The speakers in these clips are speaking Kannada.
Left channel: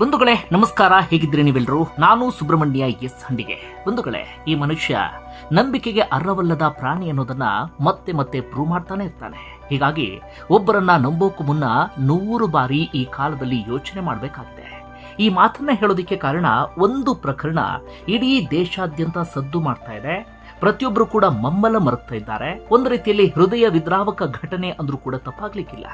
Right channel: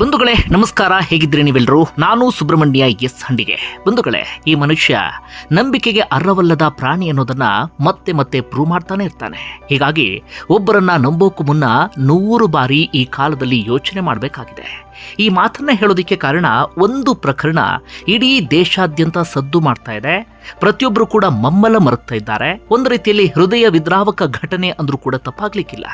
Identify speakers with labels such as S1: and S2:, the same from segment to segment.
S1: ಬಂಧುಗಳೇ, ನಮಸ್ಕಾರ. ಹೇಗಿದ್ರಿ ನೀವೆಲ್ಲರೂ? ನಾನು ಸುಬ್ರಹ್ಮಣ್ಯ ಎಸ್ ಹಂಡಿಗೆ. ಬಂಧುಗಳೇ, ಈ ಮನುಷ್ಯ ನಂಬಿಕೆಗೆ ಅರ್ಹವಲ್ಲದ ಪ್ರಾಣಿ ಅನ್ನೋದನ್ನ ಮತ್ತೆ ಮತ್ತೆ ಪ್ರೂವ್ ಮಾಡ್ತಾನೆ ಇರ್ತಾನೆ. ಹೀಗಾಗಿ ಒಬ್ಬರನ್ನ ನಂಬೋಕು ಮುನ್ನ ನೂರು ಬಾರಿ ಈ ಕಾಲದಲ್ಲಿ ಯೋಚನೆ ಮಾಡಬೇಕಾಗಿದೆ. ಈ ಮಾತನ್ನ ಹೇಳೋದಿಕ್ಕೆ ಕಾರಣ ಒಂದು ಪ್ರಕರಣ ಇಡೀ ದೇಶಾದ್ಯಂತ ಸದ್ದು ಮಾಡ್ತಾ ಇದೆ. ಪ್ರತಿಯೊಬ್ಬರು ಕೂಡ ಮಮ್ಮಲ ಮರುತ್ತಾ ಇದ್ದಾರೆ. ಒಂದು ರೀತಿಯಲ್ಲಿ ಹೃದಯ ವಿದ್ರಾವಕ ಘಟನೆ ಅಂದ್ರೂ ಕೂಡ ತಪ್ಪಾಗ್ಲಿಕ್ಕಿಲ್ಲ.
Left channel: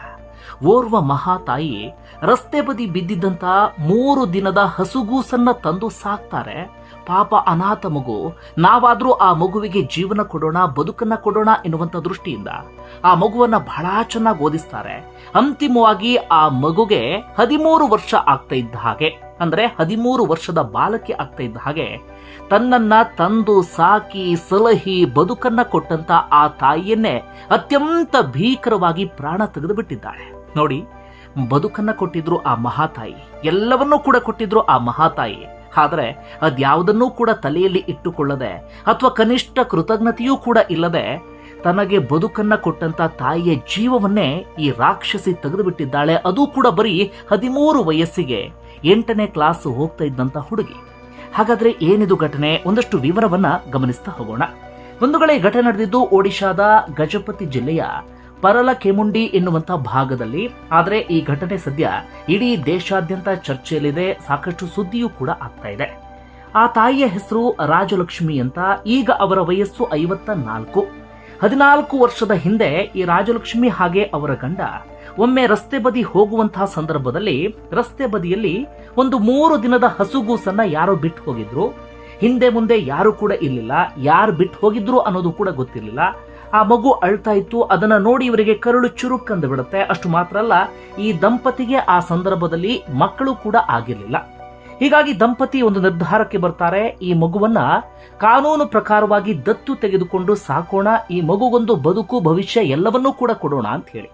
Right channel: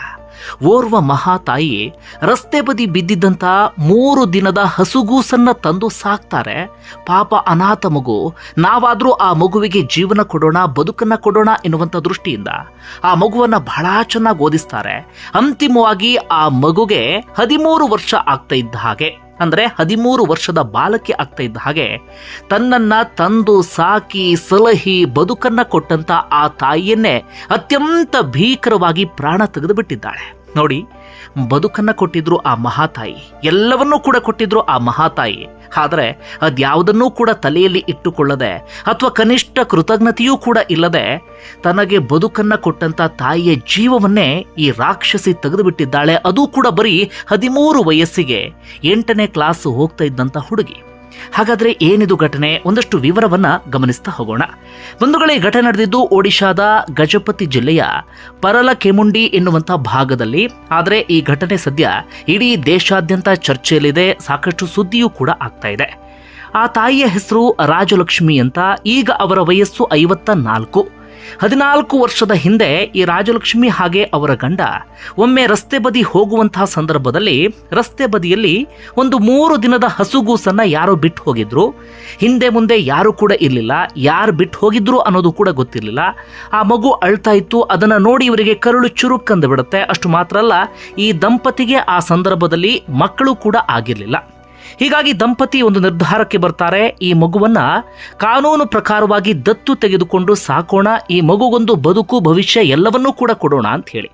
S1: ಓರ್ವ ಮಹಾತಾಯಿ ರಸ್ತೆ ಬದಿ ಬಿದ್ದಿದ್ದಂಥ ಮೂರು ದಿನದ ಹಸುಗೂಸನ್ನ ತಂದು ಸಾಕ್ತಾರೆ. ಪಾಪ ಅನಾಥ ಮಗು, ನಾವಾದ್ರೂ ಆ ಮಗುವಿಗೆ ಜೀವನ ಕೊಡೋಣ, ಬದುಕನ್ನ ಕೊಡೋಣ ಎನ್ನುವಂಥ ದೃಷ್ಟಿಯಿಂದ ಆ ಮಗುವನ್ನ ಬಹಳ ಚೆನ್ನಾಗಿ ಓದಿಸ್ತಾರೆ. ಅಂತಿಮವಾಗಿ ಆ ಮಗುಗೆ ಹದಿಮೂರು ವರ್ಷ ಆಗ್ತಾ ಇದ್ದ ಹಾಗೆ. ಅಂದ್ರೆ ಹದಿಮೂರು ವರ್ಷದ ಬಾಲಕಿ ಆಗ್ತಾ ಇದ್ದ ಹಾಗೆ ತನ್ನನ್ನು ತಂದು ಸಾಕಿ ಸಲಹಿ ಬದುಕನ್ನ ಕೊಟ್ಟಂತ ಆ ತಾಯಿಯನ್ನೇ ಅತ್ಯಂತ ಭೀಕರವಾಗಿ ಪ್ರಾಣ ತೆಗೆದು ಬಿಟ್ಟಿದ್ದಾಳೆ ನೋಡಿ, ಬದುಕನ್ನ ಕೊಟ್ಟಿದ್ರು ಆ ಮಹಾತಾಯಿ, ಎಲ್ಲವನ್ನೂ ಕೂಡ ಕೊಟ್ಟಿದ್ರು ಆ ಮಹಾತಾಯಿ. ಆದರೆ ಅದ್ಯಾವುದನ್ನೂ ಕೂಡ ತಲೆಯಲ್ಲಿ ಇಟ್ಟುಕೊಳ್ಳದೆ ಅಥವಾ ಕನಿಷ್ಠ ಕೃತಜ್ಞತೆಯೂ ಕೂಡ ಇಲ್ಲದೆ ತನಗೆ ಬದುಕನ್ನು ಕೊಟ್ಟಂಥ ತಾಯಿಯ ಜೀವವನ್ನೇ ಈ ರಾಕ್ಷಸಿ ತೆಗೆದುಬಿಟ್ಟಿದ್ದಾಳೆ. ಅದು ಕೂಡ ಬರೀ ಹದಿಮೂರು ವಯಸ್ಸಿಗೆ ಎಂಟನೇ ಕ್ಲಾಸ್ ಹೋಗ್ತಾ ಇದ್ದಂಥ ಹುಡುಗಿ. ಹಾಗಾದ್ರೆ ಏನಿದು ಘಟನೆ? ಒಂದಷ್ಟು ವಿವರವನ್ನ ಗಮನಿಸ್ತಾ ಹೋಗೋಣ. ಬಂಧುಗಳೇ, ಘಟನೆ ನಡೆದಿದ್ದು ಒಡಿಶಾದ ಗಜಪತಿ ಜಿಲ್ಲೆಯ ಪರಲ ಕೆಮುಂಡಿ ಎನ್ನುವಂಥ ಭಾಗದಲ್ಲಿ. ಆದರೆ ಈ ಘಟನೆ ಸದ್ಯ ಇಡೀ ದೇಶಾದ್ಯಂತ ಚರ್ಚೆಯಲ್ಲಿದೆ, ಸಾಕಷ್ಟು ಸುದ್ದಿಯೂ ಕೂಡ ಆಗ್ತಾ ಇದೆ. ಆ ತಾಯಿಯ ಹೆಸರು ರಾಜಲಕ್ಷ್ಮಿ ಅಂತ, ಈಗ ಅವರ ವಯಸ್ಸು ಐವತ್ತ ನಾಲ್ಕು ಹದಿನಾಲ್ಕು ವರ್ಷದ ಹಿಂದೆ ಈ ರಾಜಲಕ್ಷ್ಮಿ ಹಾಗೆ ಅವರ ಗಂಡ ಒಮ್ಮೆ ರಸ್ತೆ ಬದಿ ಹೋಗುವಂತಹ ಸಂದರ್ಭದಲ್ಲಿ ರಸ್ತೆ ಬದಿಯಲ್ಲಿ ಒಂದು ಮೂರು ದಿನದ ಹಸುಗೂಸನ್ನ ಯಾರೋ ಬಿಟ್ಟು ಹೋಗಿದ್ರು. ಹಿಂದೆ ಮುಂದೆ ಯಾರು ಕೂಡ ಇರಲಿಲ್ಲ. ಯಾರು ಬಿಟ್ಟು ಹೋಗಿದ್ರು ಅನ್ನೋದು ಕೂಡ ಗೊತ್ತಿರಲಿಲ್ಲ. ಆ ಮಗು ಅಳ್ತಾ ಇತ್ತು. ಅದನ್ನು ನೋಡಿ ಇವರಿಗೆ ಕರುಳು ಚುರುಕ್ಕಂದು ಬಿಡುತ್ತೆ. ಅಷ್ಟು ಮಾತ್ರ ಅಲ್ಲ, ಈ ದಂಪತಿಗೆ ಆ ಸಂದರ್ಭದಲ್ಲಿ ಮಕ್ಕಳು ಕೂಡ ಆಗಿರಲಿಲ್ಲ. ಹೀಗಾಗಿ ದಂಪತಿ ಒಂದು ನಿರ್ಧಾರಕ್ಕೆ ಬರ್ತಾರೆ. ಈ ಮಗುವನ್ನ ಕಾನೂನು ಪ್ರಕಾರವಾಗಿ ದತ್ತು ತೆಗೆದುಕೊಂಡು ಸಾಕೋಣ. ಈ ಮಗುಗೊಂದು ಬದುಕು, ಭವಿಷ್ಯ ಎಲ್ಲವನ್ನೂ ಕೂಡ ಕೊಡೋಣ ಅಂತ ಹೇಳಿ.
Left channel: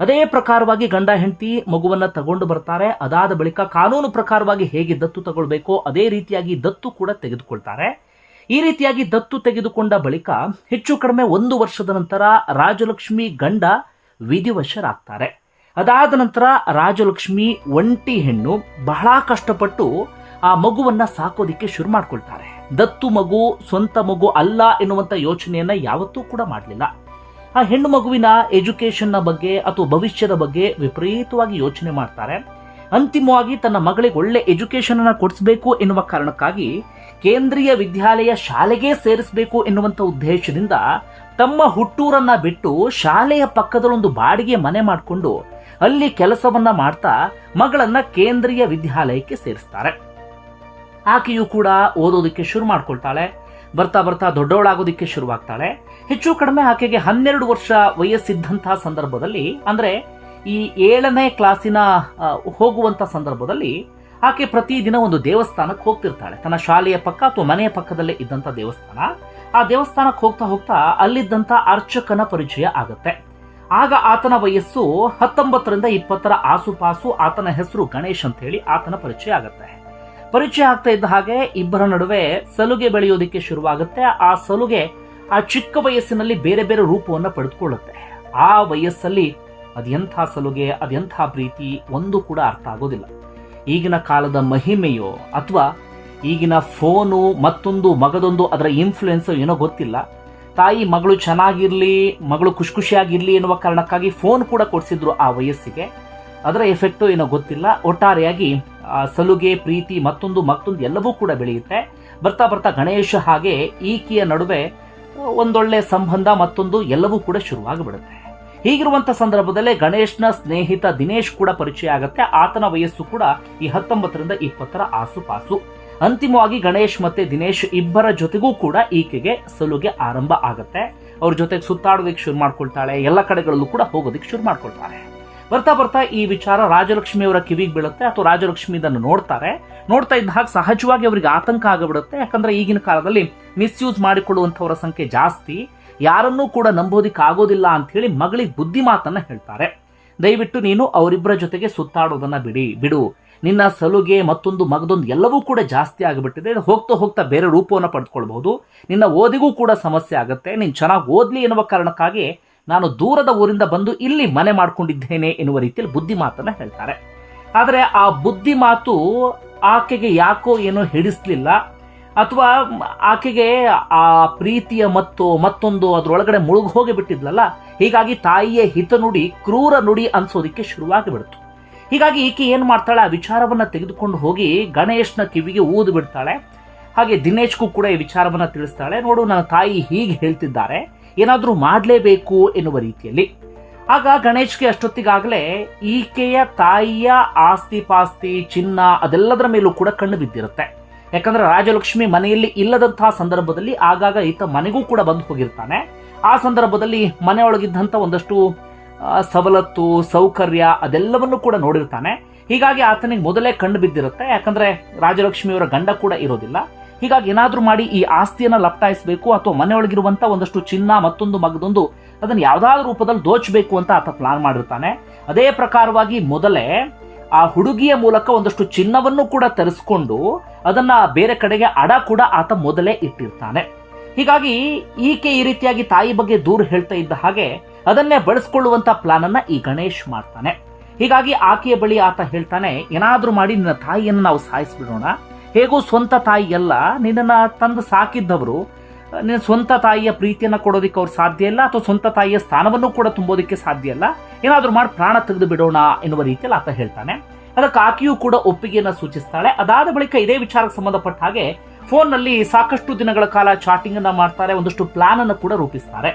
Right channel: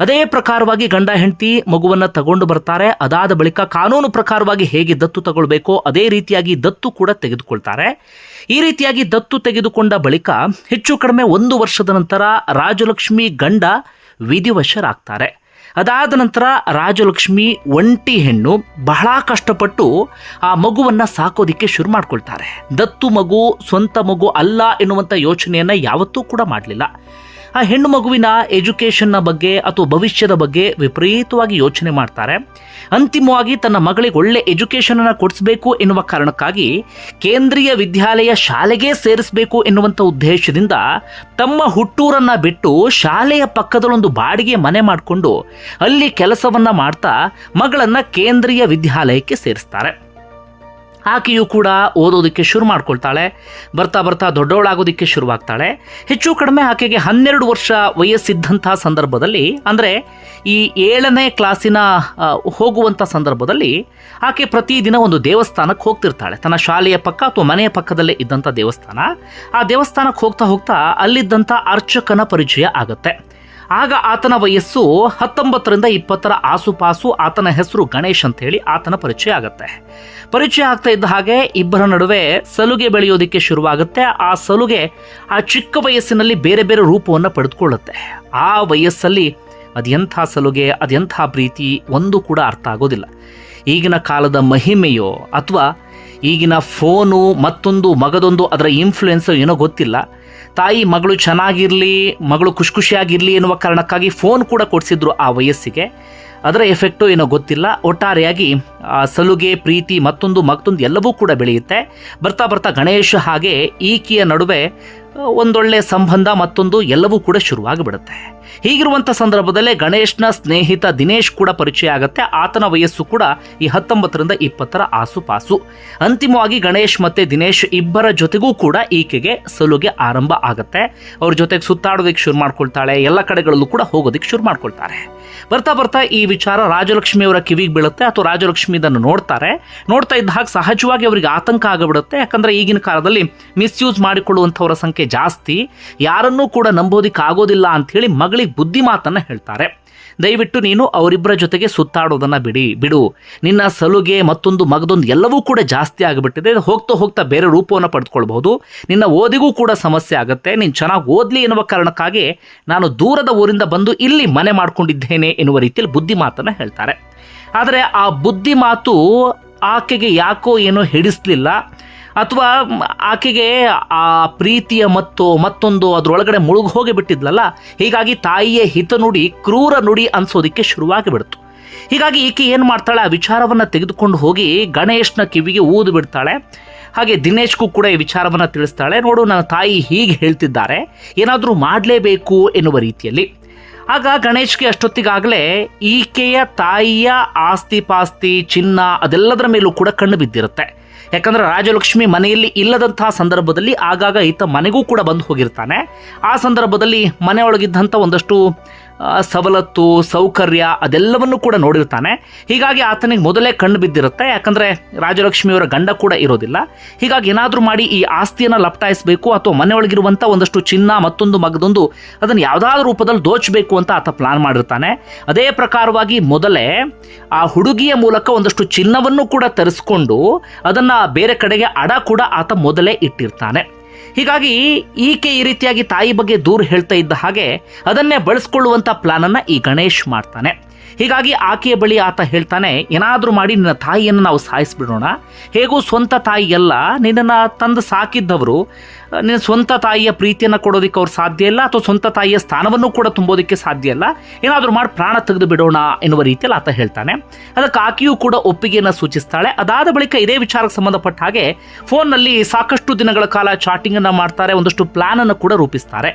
S1: ಅದೇ ಪ್ರಕಾರವಾಗಿ ಗಂಡ, ಹೆಂಡತಿ ಮಗುವನ್ನು ತಗೊಂಡು ಬರ್ತಾರೆ. ಅದಾದ ಬಳಿಕ ಕಾನೂನು ಪ್ರಕಾರವಾಗಿ ಹೇಗೆ ದತ್ತು ತಗೊಳ್ಬೇಕೋ ಅದೇ ರೀತಿಯಾಗಿ ದತ್ತು ಕೂಡ ತೆಗೆದುಕೊಳ್ತಾರೆ. ಈ ರೀತಿಯಾಗಿ ದತ್ತು ತೆಗೆದುಕೊಂಡ ಬಳಿಕ ಹೆಚ್ಚು ಕಡಿಮೆ ಒಂದು ವರ್ಷದ ನಂತರ ರಾಜಲಕ್ಷ್ಮಿ ಗಂಡ ವಿಧಿವಶರಾಗ್ತಾರೆ. ಅದಾದ ನಂತರ ರಾಜಲಕ್ಷ್ಮಿ ಒಂಟಿ ಹೆಣ್ಣು ಬಹಳ ಕಷ್ಟಪಟ್ಟು ಆ ಮಗುವನ್ನ ಸಾಕೋದಿಕ್ಕೆ ಶುರು ಮಾಡ್ಕೊಳ್ತಾರೆ. ದತ್ತು ಮಗು, ಸ್ವಂತ ಮಗು ಅಲ್ಲ ಎನ್ನುವಂಥ ಯೋಚನೆಯನ್ನ ಯಾವತ್ತೂ ಕೂಡ ಮಾಡಲಿಲ್ಲ. ಆ ಹೆಣ್ಣು ಮಗುವಿನ ಎಜುಕೇಷನ್ನ ಬಗ್ಗೆ ಅಥವಾ ಭವಿಷ್ಯದ ಬಗ್ಗೆ ವಿಪರೀತವಾಗಿ ಯೋಚನೆ ಮಾಡ್ತಾರೆ. ಅಂತಿಮವಾಗಿ ತನ್ನ ಮಗಳಿಗೆ ಒಳ್ಳೆ ಎಜುಕೇಶನ್ ಅನ್ನು ಕೊಡಿಸಬೇಕು ಎನ್ನುವ ಕಾರಣಕ್ಕಾಗಿ ಕೇಂದ್ರೀಯ ವಿದ್ಯಾಲಯ ಶಾಲೆಗೆ ಸೇರಿಸಬೇಕು ಎನ್ನುವಂಥ ಉದ್ದೇಶದಿಂದ ತಮ್ಮ ಹುಟ್ಟೂರನ್ನ ಬಿಟ್ಟು ಶಾಲೆಯ ಪಕ್ಕದಲ್ಲೊಂದು ಬಾಡಿಗೆ ಮನೆ ಮಾಡಿಕೊಂಡು ಅಲ್ಲಿ ಕೆಲಸವನ್ನ ಮಾಡ್ತಾ ಮಗಳನ್ನ ಕೇಂದ್ರೀಯ ವಿದ್ಯಾಲಯಕ್ಕೆ ಸೇರಿಸ್ತಾರೆ. ಆಕೆಯು ಕೂಡ ಓದೋದಕ್ಕೆ ಶುರು ಮಾಡ್ಕೊಳ್ತಾಳೆ. ಬರ್ತಾ ಬರ್ತಾ ದೊಡ್ಡವಳಾಗೋದಕ್ಕೆ ಶುರುವಾಗ್ತಾಳೆ. ಹೆಚ್ಚು ಕಡಿಮೆ ಆಕೆಗೆ ಹನ್ನೆರಡು ವರ್ಷ ವಯಸ್ಸಿದ್ದಂಥ ಸಂದರ್ಭದಲ್ಲಿ, ಅಂದರೆ ಈ ಏಳನೇ ಕ್ಲಾಸಿನ ಹೋಗುವಂಥ ಸಂದರ್ಭದಲ್ಲಿ ಆಕೆ ಪ್ರತಿದಿನ ಒಂದು ದೇವಸ್ಥಾನಕ್ಕೆ ಹೋಗ್ತಿರ್ತಾಳೆ. ತನ್ನ ಶಾಲೆಯ ಪಕ್ಕ ಅಥವಾ ಮನೆಯ ಪಕ್ಕದಲ್ಲೇ ಇದ್ದಂಥ ದೇವಸ್ಥಾನ. ಆ ದೇವಸ್ಥಾನಕ್ಕೆ ಹೋಗ್ತಾ ಹೋಗ್ತಾ ಅಲ್ಲಿದ್ದಂಥ ಅರ್ಚಕನ ಪರಿಚಯ ಆಗುತ್ತೆ. ಆಗ ಆತನ ವಯಸ್ಸು ಹತ್ತೊಂಬತ್ತರಿಂದ ಇಪ್ಪತ್ತರ ಆಸುಪಾಸು ಆತನ ಹೆಸರು ಗಣೇಶ್ ಅಂತ ಹೇಳಿ ಆತನ ಪರಿಚಯ ಆಗುತ್ತೆ. ಪರಿಚಯ ಆಗ್ತಾ ಇದ್ದ ಹಾಗೆ ಇಬ್ಬರ ನಡುವೆ ಸಲುಗೆ ಬೆಳೆಯೋದಕ್ಕೆ ಶುರುವಾಗುತ್ತೆ. ಆ ಸಲುಗೆ ಆ ಚಿಕ್ಕ ವಯಸ್ಸಿನಲ್ಲಿ ಬೇರೆ ಬೇರೆ ರೂಪವನ್ನು ಪಡೆದುಕೊಳ್ಳುತ್ತೆ. ಆ ವಯಸ್ಸಲ್ಲಿ ಅದೆಂಥ ಸಲುಗೆ ಅದೆಂಥ ಪ್ರೀತಿ ಒಂದು ಕೂಡ ಅರ್ಥ ಆಗೋದಿಲ್ಲ. ಈಗಿನ ಕಾಲದ ಮಹಿಮೆಯೋ ಅಥವಾ ಈಗಿನ ಫೋನು ಮತ್ತೊಂದು ಮಗದೊಂದು ಅದರ ಇನ್ಫ್ಲುಯೆನ್ಸೋ ಏನೋ ಗೊತ್ತಿಲ್ಲ. ತಾಯಿ ಮಗಳು ಚೆನ್ನಾಗಿರಲಿ, ಮಗಳು ಖುಷಿ ಖುಷಿಯಾಗಿರಲಿ ಎನ್ನುವ ಕಾರಣಕ್ಕಾಗಿ ಫೋನ್ ಕೂಡ ಕೊಡಿಸಿದ್ರು ಆ ವಯಸ್ಸಿಗೆ. ಅದರ ಎಫೆಕ್ಟು ಏನೋ ಗೊತ್ತಿಲ್ಲ. ಒಟ್ಟಾರೆಯಾಗಿ, ಆ ಸಲುಗೆ, ಪ್ರೀತಿ, ಮತ್ತೊಂದು ಮತ್ತೊಂದು ಎಲ್ಲವೂ ಕೂಡ ಬೆಳೆಯುತ್ತೆ. ಬರ್ತಾ ಬರ್ತಾ ಗಣೇಶ ಹಾಗೆ ಈಕೆಯ ನಡುವೆ, ಒಂದೊಳ್ಳೆ ಸಂಬಂಧ ಮತ್ತೊಂದು ಎಲ್ಲವೂ ಕೂಡ ಶುರುವಾಗಿಬಿಡುತ್ತೆ. ಹೀಗಿರುವಂಥ ಸಂದರ್ಭದಲ್ಲೇ ಗಣೇಶ್ನ ಸ್ನೇಹಿತ ದಿನೇಶ್ ಕೂಡ ಪರಿಚಯ ಆಗುತ್ತೆ. ಆತನ ವಯಸ್ಸು ಕೂಡ ಈ ಹತ್ತೊಂಬತ್ತರಿಂದ ಇಪ್ಪತ್ತರ ಆಸುಪಾಸು. ಅಂತಿಮವಾಗಿ ಗಣೇಶ್ ಮತ್ತೆ ದಿನೇಶ್ ಇಬ್ಬರ ಜೊತೆಗೂ ಕೂಡ ಈಕೆಗೆ ಸಲುಗೆ ಆರಂಭ ಆಗುತ್ತೆ. ಅವ್ರ ಜೊತೆಗೆ ಸುತ್ತಾಡೋದಕ್ಕೆ ಶುರು ಮಾಡ್ಕೊಳ್ತಾಳೆ. ಎಲ್ಲ ಕಡೆಗಳಲ್ಲೂ ಕೂಡ ಹೋಗೋದಕ್ಕೆ ಶುರು ಮಾಡ್ಕೊಳ್ತಾರೆ. ಬರ್ತಾ ಬರ್ತಾ ಈ ವಿಚಾರ ರಾಜಲಕ್ಷ್ಮಿಯವರ ಕಿವಿಗೆ ಬೀಳುತ್ತೆ ಅಥವಾ ರಾಜಲಕ್ಷ್ಮಿ ಇದನ್ನು ನೋಡ್ತಾರೆ. ನೋಡ್ತಾ ಇದ್ದ ಹಾಗೆ ಸಹಜವಾಗಿ ಅವರಿಗೆ ಆತಂಕ ಆಗಿಬಿಡುತ್ತೆ. ಯಾಕಂದ್ರೆ ಈಗಿನ ಕಾಲದಲ್ಲಿ ಮಿಸ್ಯೂಸ್ ಮಾಡಿಕೊಳ್ಳುವಂಥವರ ಸಂಖ್ಯೆ ಜಾಸ್ತಿ. ಯಾರನ್ನೂ ಕೂಡ ನಂಬೋದಿಕ್ಕೆ ಆಗೋದಿಲ್ಲ ಅಂತ ಹೇಳಿ ಮಗಳಿಗೆ ಬುದ್ಧಿ ಮಾತನ್ನು ಹೇಳ್ತಾರೆ. ದಯವಿಟ್ಟು ನೀನು ಅವರಿಬ್ಬರ ಜೊತೆಗೆ ಸುತ್ತಾಡೋದನ್ನು ಬಿಡಿ, ಬಿಡು. ನಿನ್ನ ಸಲುಗೆ ಮತ್ತೊಂದು ಮಗದೊಂದು ಎಲ್ಲವೂ ಕೂಡ ಜಾಸ್ತಿ ಆಗಿಬಿಟ್ಟಿದೆ. ಹೋಗ್ತಾ ಹೋಗ್ತಾ ಬೇರೆ ರೂಪವನ್ನು ಪಡೆದುಕೊಳ್ಬಹುದು ನಿನ್ನ ಓದಿಗೂ ಕೂಡ ಸಮಸ್ಯೆ ಆಗುತ್ತೆ. ನೀನು ಚೆನ್ನಾಗಿ ಓದಲಿ ಎನ್ನುವ ಕಾರಣಕ್ಕಾಗಿ ನಾನು ದೂರದ ಊರಿಂದ ಬಂದು ಇಲ್ಲಿ ಮನೆ ಮಾಡ್ಕೊಂಡಿದ್ದೇನೆ ಎನ್ನುವ ರೀತಿಯಲ್ಲಿ ಬುದ್ಧಿ ಮಾತನ್ನು ಹೇಳ್ತಾರೆ. ಆದರೆ ಆ ಬುದ್ಧಿ ಮಾತು ಆಕೆಗೆ ಯಾಕೋ ಏನೋ ಹಿಡಿಸ್ಲಿಲ್ಲ. ಅಥವಾ ಆಕೆಗೆ ಆ ಪ್ರೀತಿಯ ಮತ್ತು ಮತ್ತೊಂದು ಅದರೊಳಗಡೆ ಮುಳುಗಿ ಹೋಗಿ ಬಿಟ್ಟಿದ್ಲಲ್ಲ? ಹೀಗಾಗಿ ತಾಯಿಯ ಹಿತ ನುಡಿ, ಕ್ರೂರ ನುಡಿ ಅನ್ಸೋದಕ್ಕೆ ಶುರುವಾಗಿ ಬಿಡ್ತು. ಹೀಗಾಗಿ ಈಕೆ ಏನು ಮಾಡ್ತಾಳೆ? ಆ ವಿಚಾರವನ್ನು ತೆಗೆದುಕೊಂಡು ಹೋಗಿ ಗಣೇಶ್ನ ಕಿವಿಗೆ ಊದು ಬಿಡ್ತಾಳೆ. ಹಾಗೆ ದಿನೇಶ್ಗೂ ಕೂಡ ಈ ವಿಚಾರವನ್ನು ತಿಳಿಸ್ತಾಳೆ. ನೋಡು, ನನ್ನ ತಾಯಿ ಹೀಗೆ ಹೇಳ್ತಿದ್ದಾರೆ. ಏನಾದರೂ ಮಾಡಲೇಬೇಕು ಎನ್ನುವ ರೀತಿಯಲ್ಲಿ. ಆಗ ಗಣೇಶ್ಗೆ ಅಷ್ಟೊತ್ತಿಗಾಗಲೇ ಈಕೆಯ ತಾಯಿಯ ಆಸ್ತಿ ಪಾಸ್ತಿ ಚಿನ್ನ ಅದೆಲ್ಲದರ ಮೇಲೂ ಕೂಡ ಕಣ್ಣು ಬಿದ್ದಿರುತ್ತೆ. ಯಾಕಂದ್ರೆ ರಾಜಲಕ್ಷ್ಮಿ ಮನೆಯಲ್ಲಿ ಇಲ್ಲದಂತಹ ಸಂದರ್ಭದಲ್ಲಿ ಆಗಾಗ ಈತ ಮನೆಗೂ ಕೂಡ ಬಂದು ಹೋಗಿರ್ತಾನೆ. ಆ ಸಂದರ್ಭದಲ್ಲಿ ಮನೆಯೊಳಗಿದ್ದಂಥ ಒಂದಷ್ಟು ಸವಲತ್ತು, ಸೌಕರ್ಯ ಅದೆಲ್ಲವನ್ನು ಕೂಡ ನೋಡಿರ್ತಾನೆ. ಹೀಗಾಗಿ ಆತನಿಗೆ ಮೊದಲೇ ಕಣ್ಣು ಬಿದ್ದಿರುತ್ತೆ. ಯಾಕಂದರೆ ರಾಜಲಕ್ಷ್ಮಿಯವರ ಗಂಡ ಕೂಡ ಇರೋದಿಲ್ಲ. ಹೀಗಾಗಿ ಏನಾದರೂ ಮಾಡಿ ಈ ಆಸ್ತಿಯನ್ನು ಲಪ್ತಾಯಿಸಬೇಕು ಅಥವಾ ಮನೆಯೊಳಗಿರುವಂಥ ಒಂದಷ್ಟು ಚಿನ್ನ, ಮತ್ತೊಂದು ಮಗದೊಂದು ಅದನ್ನು ಯಾವುದಾದ್ರೂ ರೂಪದಲ್ಲಿ ದೋಚಬೇಕು ಅಂತ ಆತ ಪ್ಲಾನ್ ಮಾಡಿರ್ತಾನೆ. ಅದೇ ಪ್ರಕಾರವಾಗಿ ಮೊದಲೇ ಆ ಹುಡುಗಿಯ ಮೂಲಕ ಒಂದಷ್ಟು ಚಿನ್ನವನ್ನು ಕೂಡ ತರಿಸ್ಕೊಂಡು ಅದನ್ನು ಬೇರೆ ಕಡೆಗೆ ಅಡ ಕೂಡ ಆತ ಮೊದಲೇ ಇಟ್ಟಿರ್ತಾನೆ. ಹೀಗಾಗಿ ಈಕೆ ಈ ರೀತಿಯಾಗಿ ತಾಯಿ ಬಗ್ಗೆ ದೂರು ಹೇಳ್ತಾ ಇದ್ದ ಹಾಗೆ ಅದನ್ನೇ ಬಳಸ್ಕೊಳ್ಳುವಂಥ ಪ್ಲಾನನ್ನು ಈ ಗಣೇಶ್ ಮಾಡ್ತಾನೆ. ಹೀಗಾಗಿ ಆಕೆಯ ಬಳಿ ಆತ ಹೇಳ್ತಾನೆ, ಏನಾದರೂ ಮಾಡಿ ನಿನ್ನ ತಾಯಿಯನ್ನು ನಾವು ಸಾಯಿಸಿಬಿಡೋಣ. ಹೇಗೂ ಸ್ವಂತ ತಾಯಿ ಎಲ್ಲ ನಿನ್ನನ್ನು ತಂದು ಸಾಕಿದ್ದವರು. ನಿನ್ನ ಸ್ವಂತ ತಾಯಿಯ ಪ್ರೀತಿಯನ್ನು ಕೊಡೋದಕ್ಕೆ ಅವ್ರು ಸಾಧ್ಯ ಇಲ್ಲ, ಅಥವಾ ಸ್ವಂತ ತಾಯಿಯ ಸ್ಥಾನವನ್ನು ಕೂಡ ತುಂಬೋದಕ್ಕೆ ಸಾಧ್ಯ ಇಲ್ಲ. ಏನಾದರೂ ಮಾಡಿ ಪ್ರಾಣ ತೆಗೆದು ಬಿಡೋಣ ಎನ್ನುವ ರೀತಿಯಲ್ಲಿ ಆತ ಹೇಳ್ತಾನೆ. ಅದಕ್ಕೆ ಆಕೆಯೂ ಕೂಡ ಒಪ್ಪಿಗೆಯನ್ನು ಸೂಚಿಸ್ತಾಳೆ. ಅದಾದ ಬಳಿಕ ಇದೇ ವಿಚಾರಕ್ಕೆ ಸಂಬಂಧಪಟ್ಟ ಹಾಗೆ, ಫೋನ್ನಲ್ಲಿ ಸಾಕಷ್ಟು ದಿನಗಳ ಕಾಲ ಚಾಟಿಂಗನ್ನು ಮಾಡ್ತಾರೆ, ಒಂದಷ್ಟು ಪ್ಲಾನನ್ನು ಕೂಡ ರೂಪಿಸ್ತಾರೆ.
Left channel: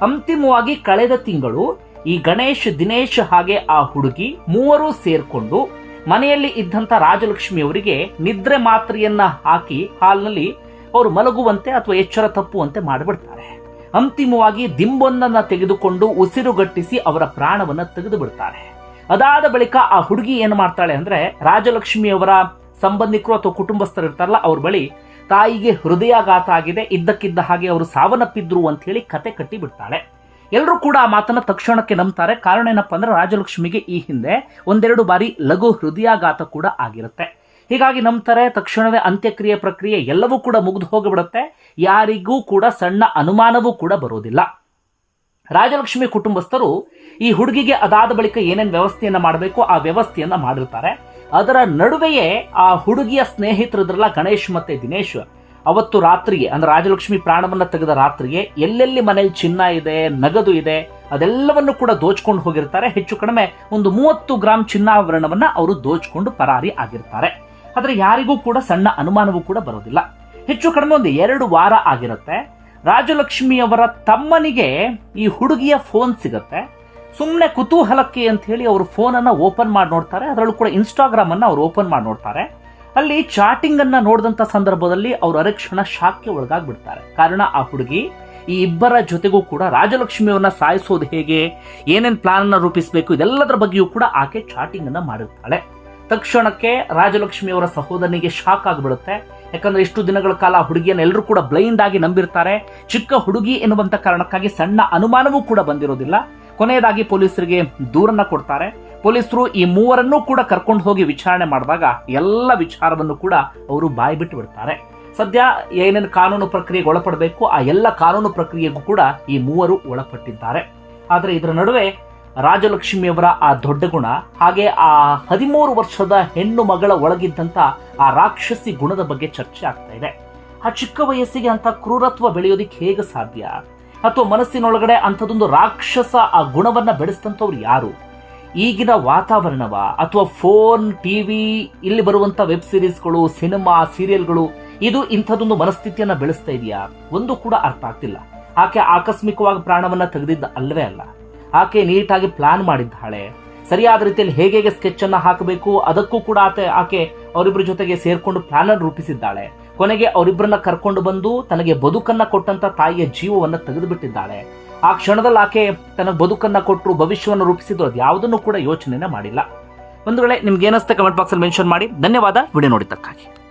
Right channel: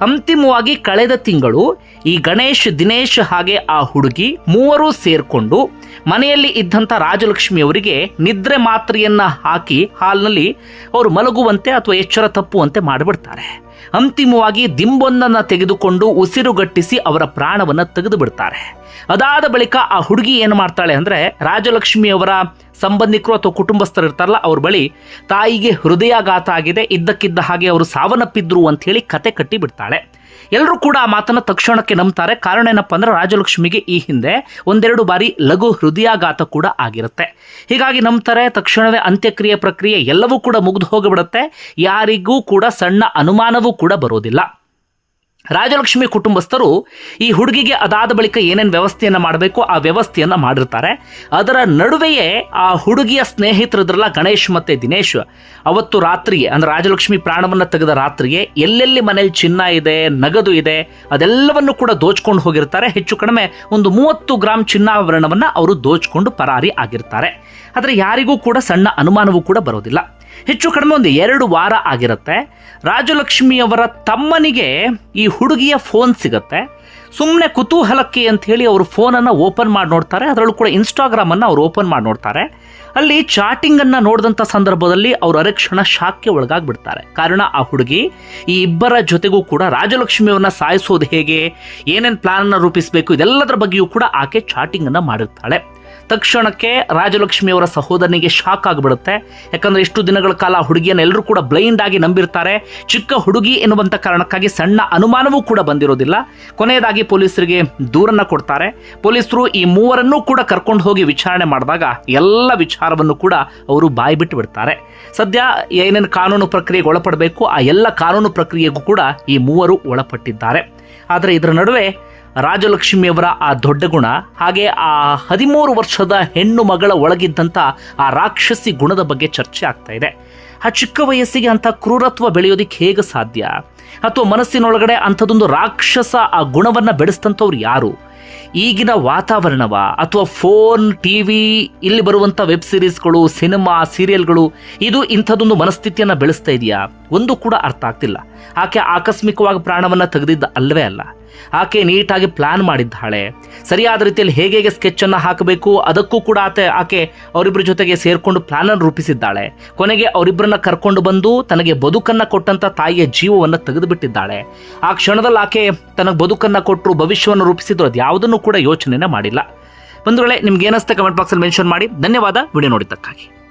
S1: ಅಂತಿಮವಾಗಿ ಕಳೆದ ತಿಂಗಳು ಈ ಗಣೇಶ್, ದಿನೇಶ್ ಹಾಗೆ ಆ ಹುಡುಗಿ ಮೂವರು ಸೇರ್ಕೊಂಡು ಮನೆಯಲ್ಲಿ ಇದ್ದಂಥ ರಾಜಲಕ್ಷ್ಮಿ ಅವರಿಗೆ ನಿದ್ರೆ ಮಾತ್ರೆಯನ್ನ ಹಾಕಿ ಹಾಲ್ನಲ್ಲಿ ಅವರು ಮಲಗುವಂತೆ ಅಥವಾ ಎಚ್ಚರ ತಪ್ಪುವಂತೆ ಮಾಡಿಬಿಡ್ತಾರೆ. ಅಂತಿಮವಾಗಿ ದಿಂಬೊಂದನ್ನು ತೆಗೆದುಕೊಂಡು ಉಸಿರುಗಟ್ಟಿಸಿ ಅವರ ಪ್ರಾಣವನ್ನ ತೆಗೆದು ಬಿಡ್ತಾರೆ ಅದಾದ ಬಳಿಕ ಆ ಹುಡುಗಿ ಏನು ಮಾಡ್ತಾಳೆ ಅಂದರೆ ರಾಜಲಕ್ಷ್ಮಿಯವರ ಸಂಬಂಧಿಕರು ಅಥವಾ ಕುಟುಂಬಸ್ಥರು ಇರ್ತಾರಲ್ಲ, ಅವ್ರ ಬಳಿ ತಾಯಿಗೆ ಹೃದಯಾಘಾತ ಆಗಿದೆ, ಇದ್ದಕ್ಕಿದ್ದ ಹಾಗೆ ಅವರು ಸಾವನ್ನಪ್ಪಿದ್ರು ಅಂತ ಹೇಳಿ ಕತೆ ಕಟ್ಟಿ ಬಿಡ್ತಾಳೆ ಎಲ್ಲರೂ ಕೂಡ ಆ ಮಾತನ್ನು ತಕ್ಷಣಕ್ಕೆ ನಂಬ್ತಾರೆ. ಕಾರಣ ಏನಪ್ಪ ಅಂದ್ರೆ ರಾಜಲಕ್ಷ್ಮಿಗೆ ಈ ಹಿಂದೆ ಒಂದೆರಡು ಬಾರಿ ಲಘು ಹೃದಯಾಘಾತ ಕೂಡ ಆಗಿರುತ್ತೆ. ಹೀಗಾಗಿ ನಂಬ್ತಾರೆ, ತಕ್ಷಣವೇ ಅಂತ್ಯಕ್ರಿಯೆ ಪ್ರಕ್ರಿಯೆ ಎಲ್ಲವೂ ಕೂಡ ಮುಗಿದು ಹೋಗಿಬಿಡುತ್ತೆ. ಯಾರಿಗೂ ಕೂಡ ಸಣ್ಣ ಅನುಮಾನವೂ ಕೂಡ ಬರೋದಿಲ್ಲ. ರಾಜಲಕ್ಷ್ಮಿ ಕುಟುಂಬಸ್ಥರು ಈ ಹುಡುಗಿಗೆ ಅದಾದ ಬಳಿಕ ಏನೇನು ವ್ಯವಸ್ಥೆಯನ್ನು ಮಾಡಬೇಕು, ಆ ವ್ಯವಸ್ಥೆಯನ್ನು ಮಾಡಿರ್ತಾರೆ. ಅದರ ನಡುವೆಯೇ ಆ ಹುಡುಗಿಯ ಸ್ನೇಹಿತರದ್ರಲ್ಲ ಗಣೇಶ್ ಮತ್ತು ದಿನೇಶ್, ಅವತ್ತು ರಾತ್ರಿಗೆ, ಅಂದರೆ ರಾಜಲಕ್ಷ್ಮಿ ಪ್ರಾಣವನ್ನು ತೆಗೆದ ರಾತ್ರಿಗೆ ಎಲ್ಲೆಲ್ಲಿ ಮನೇಲಿ ಚಿನ್ನ ಇದೆ, ನಗದು ಇದೆ, ಅದೆಲ್ಲವನ್ನು ಕೂಡ ದೋಚ್ಕೊಂಡು ಹೋಗಿರ್ತಾರೆ. ಹೆಚ್ಚು ಕಡಿಮೆ ಒಂದು ಮೂವತ್ತು ಗ್ರಾಮ್ ಚಿನ್ನಾಭರಣವನ್ನು ಅವರು ದೋಚ್ಕೊಂಡು ಪರಾರಿ ಆಗಿರ್ತಾರೆ. ಆದರೆ ಯಾರಿಗೂ ಕೂಡ ಸಣ್ಣ ಅನುಮಾನವೂ ಕೂಡ ಬರೋದಿಲ್ಲ. ಹೆಚ್ಚು ಕಡಿಮೆ ಒಂದು ಎರಡು ವಾರ ಆಗಿರುತ್ತೆ. ರಾಜಲಕ್ಷ್ಮಿಯವರ ತಮ್ಮನಿಗೆ ಈ ಹುಡುಗಿಯ ಫೋನ್ ಸಿಗುತ್ತೆ. ಸುಮ್ಮನೆ ಕುತೂಹಲಕ್ಕೆ ಅಂಥೇಳಿ ಅವರು ಫೋನನ್ನು ಓಪನ್ ಮಾಡಿ ನೋಡ್ತಾರೆ. ಅದರಲ್ಲೂ ಕೂಡ ಇನ್ಸ್ಟಾಗ್ರಾಮನ್ನು ಅವರು ಓಪನ್ ಮಾಡಿ ನೋಡ್ತಾರೆ. ಅಲ್ಲಿ ಚಾಟಿಂಗನ್ನು ನೋಡಿದಂಥ ಸಂದರ್ಭದಲ್ಲಿ ಅವರು ಅರಕ್ಷಣ ಶಾಕ್ಗೆ ಒಳಗಾಗ್ಬಿಡ್ತಾರೆ. ಕಾರಣ ಆ ಹುಡುಗಿ, ಈ ಇಬ್ಬರ ಜೊತೆಗೂ ಕೂಡ ರಾಜಲಕ್ಷ್ಮಿಯವನ್ನು ಸಾಯಿಸೋದು ಹೇಗೆ, ಏನೇನು ಪ್ಲಾನನ್ನು ರೂಪಿಸಬೇಕು, ಇದೆಲ್ಲದರ ಬಗ್ಗೆಯೂ ಕೂಡ ಆಕೆ ಚಾಟಿಂಗನ್ನು ಮಾಡಿರ್ತಾಳೆ. ತಕ್ಷಣಕ್ಕೆ ರಾಜಲಕ್ಷ್ಮಿಯವರ ಸಹೋದರನಿಗೆ ಶಾಕ್ ಆಗಿಬಿಡುತ್ತೆ. ಯಾಕಂದರೆ ಇಷ್ಟು ದಿನಗಳ ಕಾಲ ಹುಡುಗಿಯನ್ನು ಎಲ್ಲರೂ ಕೂಡ ಬ್ಲೈಂಡ್ ಆಗಿ ನಂಬಿರ್ತಾರೆ. ಚಿಕ್ಕ ಹುಡುಗಿ ಎನ್ನುವಂಥ ಕಾರಣಕ್ಕಾಗಿ ಸಣ್ಣ ಅನುಮಾನವೂ ಕೂಡ ಬಂದಿರೋದಿಲ್ಲ. ಕೊನೆಯದಾಗಿ ಪೊಲೀಸರಿಗೆ ದೂರನ್ನು ಕೊಡ್ತಾರೆ. ಪೊಲೀಸರು ಈ ಮೂವರನ್ನೂ ಕೂಡ ಕರ್ಕೊಂಡು ಹೋಗಿ ವಿಚಾರಣೆ ಮಾಡಿದಾಗ ಎಲ್ಲ ವಿಚಾರವನ್ನು ಕೂಡ ಅವರು ಬಾಯಿ ಬಿಟ್ಟು ಬಿಡ್ತಾರೆ. ಸದ್ಯ ಏನೇನು ಕಾನೂನು ಪ್ರಕ್ರಿಯೆಗೆ ಒಳಪಡಬೇಕು, ಆ ಎಲ್ಲ ಕಾನೂನು ಪ್ರಕ್ರಿಯೆಗೂ ಕೂಡ ಈ ಮೂವರು ಒಳಪಟ್ಟಿದ್ದಾರೆ. ಆದರೆ ಇದರ ನಡುವೆ ರಾಜಲಕ್ಷ್ಮಿಯವರ ಆ ದೊಡ್ಡ ಗುಣ, ಹಾಗೆ ಆ ಹದಿಮೂರು ವರ್ಷದ ಹೆಣ್ಣು ಮಗಳ ಒಳಗಿದ್ದಂಥ ಆ ರಾಕ್ಷಸಿ ಗುಣದ ಬಗ್ಗೆ ಚರ್ಚೆ ಆಗ್ತಾ ಇದೆ. ಆ ಚಿಕ್ಕ ವಯಸ್ಸಿಗೆ ಅಂಥ ಕ್ರೂರತ್ವ ಬೆಳೆಯೋದಿಕ್ಕೆ ಹೇಗೆ ಸಾಧ್ಯ? ಅಥವಾ ಮನಸ್ಸಿನೊಳಗಡೆ ಅಂಥದ್ದೊಂದು ರಾಕ್ಷಸ ಆ ಗುಣವನ್ನು ಬೆಳೆಸ್ತಂಥವ್ರು ಯಾರು? ಈಗಿನ ವಾತಾವರಣವ, ಅಥವಾ ಫೋನ್, ಟಿ ವಿ, ಇಲ್ಲಿ ಬರುವಂಥ ವೆಬ್ ಸಿರೀಸ್ಗಳು, ಸಿನಿಮಾ, ಸೀರಿಯಲ್ಗಳು, ಇದು ಇಂಥದ್ದೊಂದು ಮನಸ್ಥಿತಿಯನ್ನು ಬೆಳೆಸ್ತಾ ಇದೆಯಾ? ಒಂದು ಕೂಡ ಅರ್ಥ ಆಗ್ತಿಲ್ಲ. ಆಕೆ ಆಕಸ್ಮಿಕವಾಗಿ ಪ್ರಾಣವನ್ನು ತೆಗೆದಿದ್ದ ಅಲ್ಲವೇ ಅಲ್ಲ. ಆಕೆ ನೀಟಾಗಿ ಪ್ಲಾನ್ ಮಾಡಿದ್ದಾಳೆ. ಸರಿಯಾದ ರೀತಿಯಲ್ಲಿ ಹೇಗೆ ಹೇಗೆ ಸ್ಕೆಚನ್ನು ಹಾಕಬೇಕು ಅದಕ್ಕೂ ಕೂಡ ಆತ, ಆಕೆ ಅವರಿಬ್ಬರ ಜೊತೆಗೆ ಸೇರಿಕೊಂಡು ಪ್ಲಾನನ್ನು ರೂಪಿಸಿದ್ದಾಳೆ. ಕೊನೆಗೆ ಅವರಿಬ್ಬರನ್ನ ಕರ್ಕೊಂಡು ಬಂದು ತನಗೆ ಬದುಕನ್ನು ಕೊಟ್ಟಂತ ತಾಯಿಯ ಜೀವವನ್ನು ತೆಗೆದುಬಿಟ್ಟಿದ್ದಾಳೆ. ಆ ಕ್ಷಣದಲ್ಲಿ ಆಕೆ ತನಗೆ ಬದುಕನ್ನು ಕೊಟ್ಟರು ಭವಿಷ್ಯವನ್ನು ರೂಪಿಸಿದ್ರು ಅದು ಯಾವುದನ್ನು ಕೂಡ ಯೋಚನೆನೇ ಮಾಡಿಲ್ಲ. ಬಂಧುಗಳೇ, ನಿಮ್ಗೆ ಏನಿಸ್ತೆ ಕಮೆಂಟ್ ಬಾಕ್ಸಲ್ಲಿ ಮೆನ್ಷನ್ ಮಾಡಿ. ಧನ್ಯವಾದ. ವಿಡಿಯೋ ನೋಡಿದ್ದಕ್ಕಾಗಿ.